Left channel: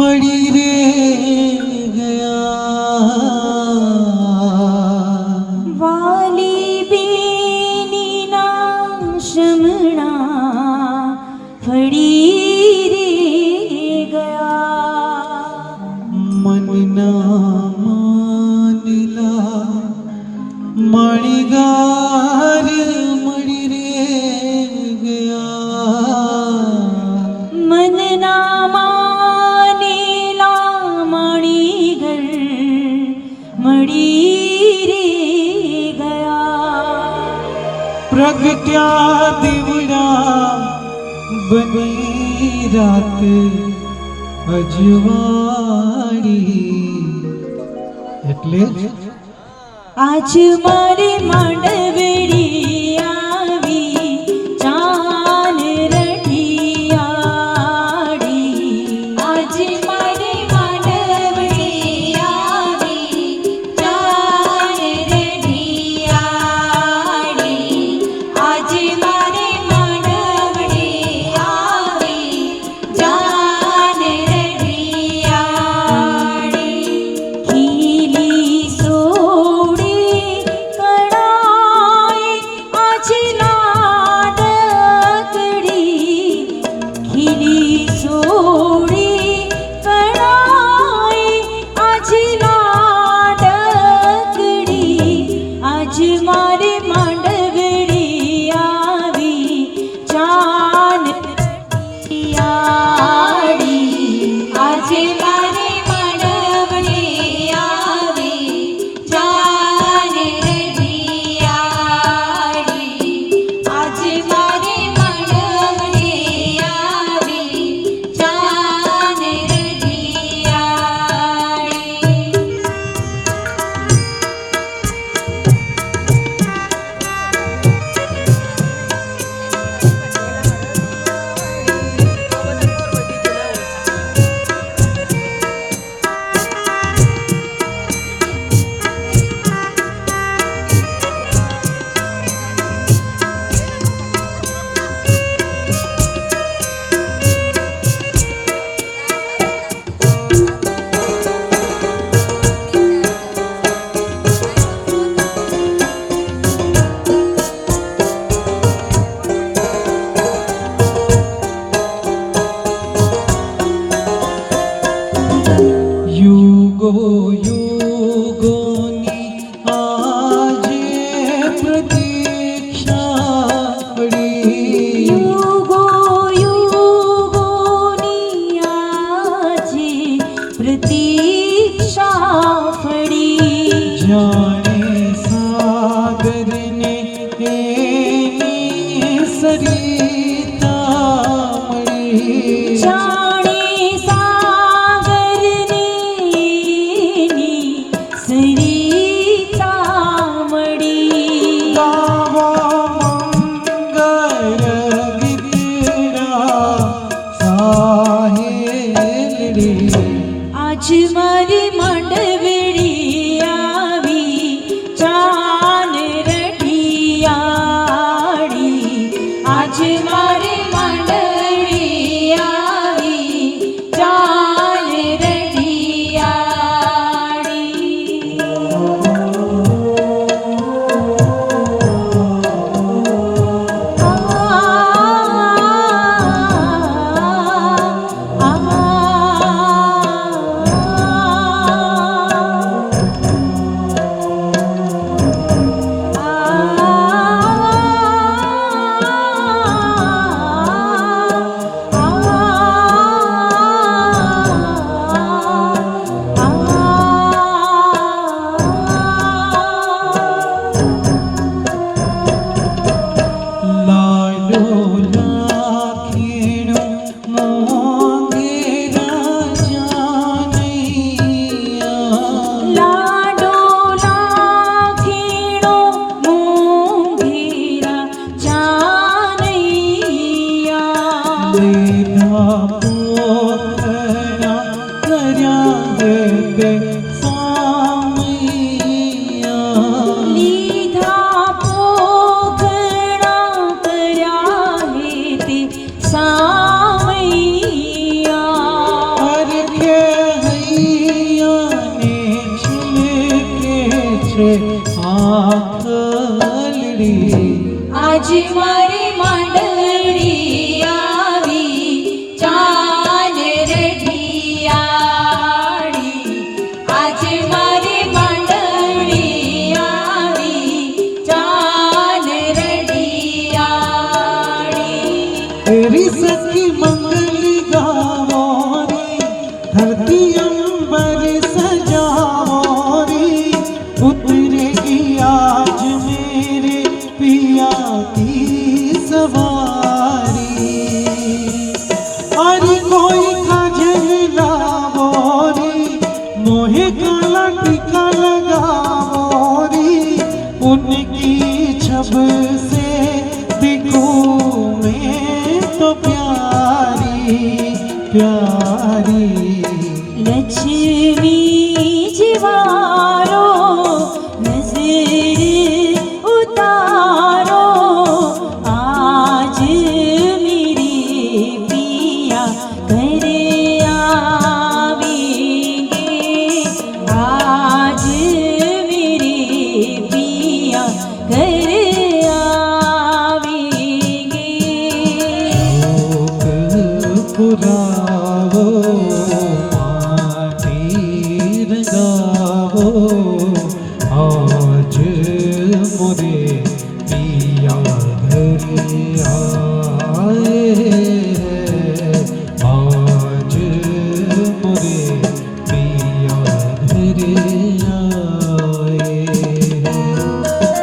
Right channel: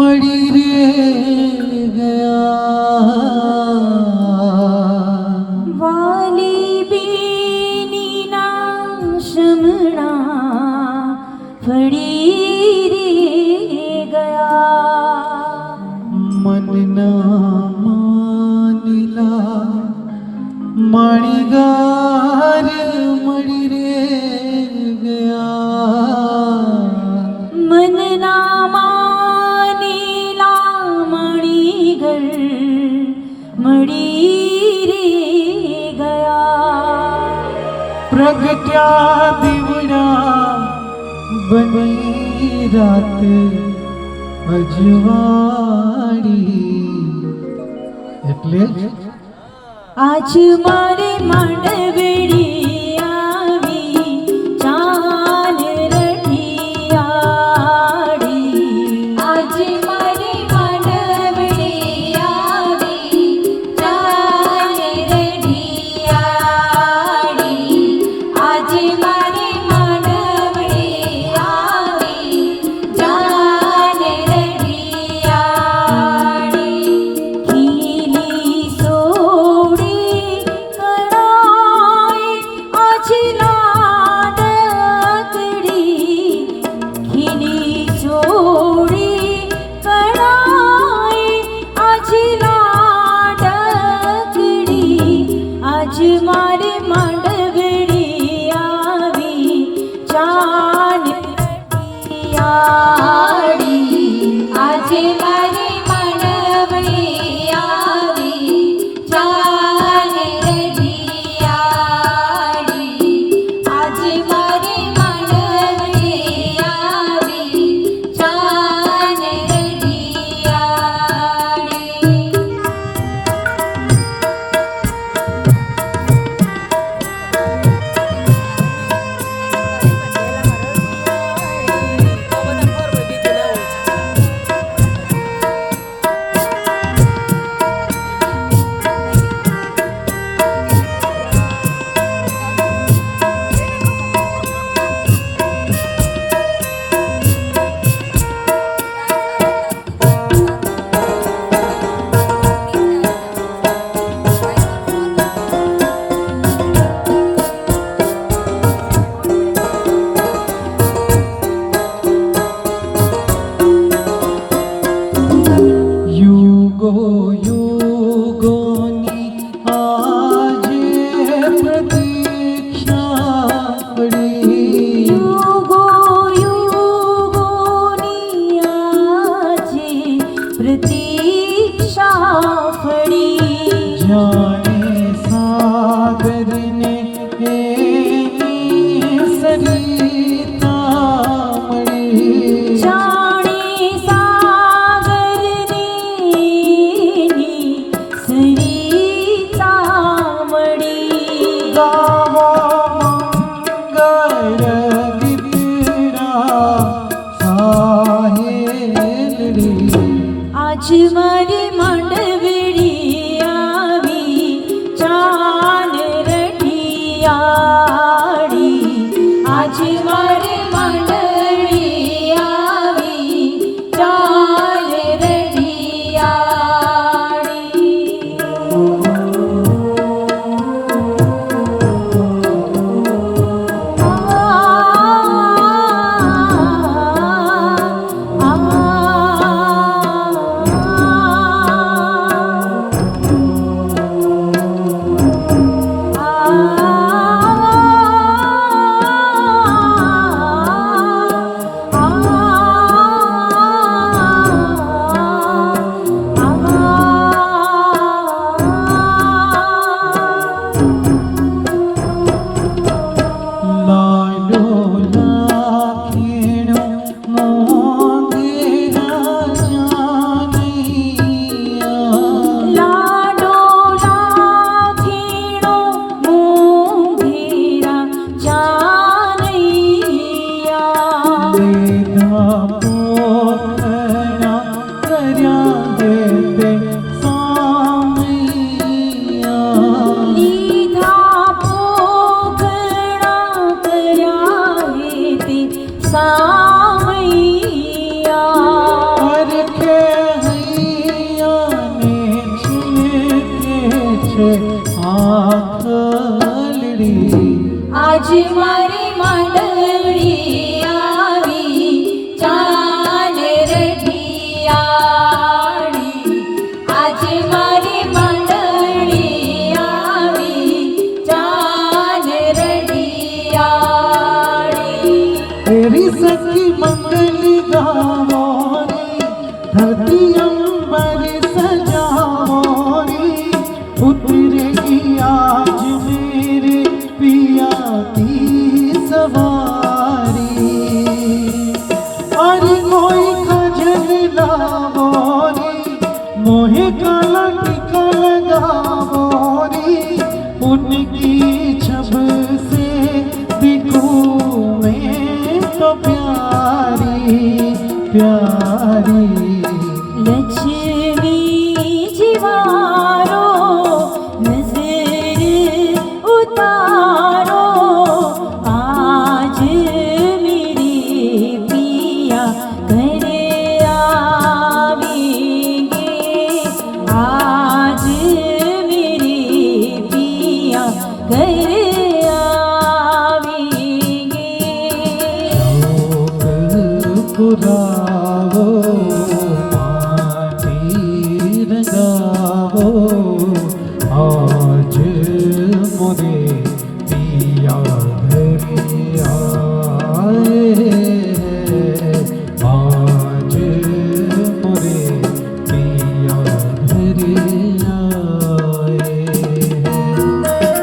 પડી રે ગયા વાલી બેની ના શમણા પડી રે ગયા મનના માનીલા મણિગાર મળી રે ગયા મનના માનેલા મણીગર મળી રે ગયા પ્રગટ્યા દીવડા બની રાત અજવાળી એટલે આજ મારે માંડવડી આવી ચાન રઢિયાળી આજ મારે માંડવડી આવી ચાન રઢિયાળી આજ મારે માંડવડી આવી ચાન રઢિયાળી ખીલી સોડી કણાઈ આજ લાડકડી ખીલી સોડી કણાઈ આજ લાડકડી આજ મારે માંડવડી આવી ચાન રઢિયાળી આજ મારે માંડવડી આવી ચાન રઢિયાળી આજ મારે માંડવડી આવી ચાન રઢિયાળી યુગો યુગોની આજે પ્રતીક્ષા પડી યુગો યુગોની આજે પ્રતીક્ષા ફળી જાણે સાગરને એની સરિતા મળી જાણે સાગરને ની સરિતા મળી ગાવા મંગળ ગીતડા સાહેલડી આજ મારી માંડવડી આવી ચાન રઢિયાળી આજ મારે માંડવડી આવી ચાન રઢિયાળી આજ મારી મંડળી આવી ચાન રઢિયાળી આજ મારી મંડળી આવી ચાન રઢિયાળી तेरी सखी मंगल गावो रे धरती अंबर सजावो रे उतरेगी आज मेरे पिया की सवारी और कोई काजल लावो रे मोहे काला टीका लगावो रे उनकी छब से दिखूं मैं तो प्यारी प्यारी લક્ષ્મી જીવારો નજર ઉતારો આજ મેરે પિયા ઘર આવેંગે આજ મેરે પિયા ઘર આવેંગે पुरावो माटी रंगावो आज मोरे पिया घरे आए आज मोरे पिया घरे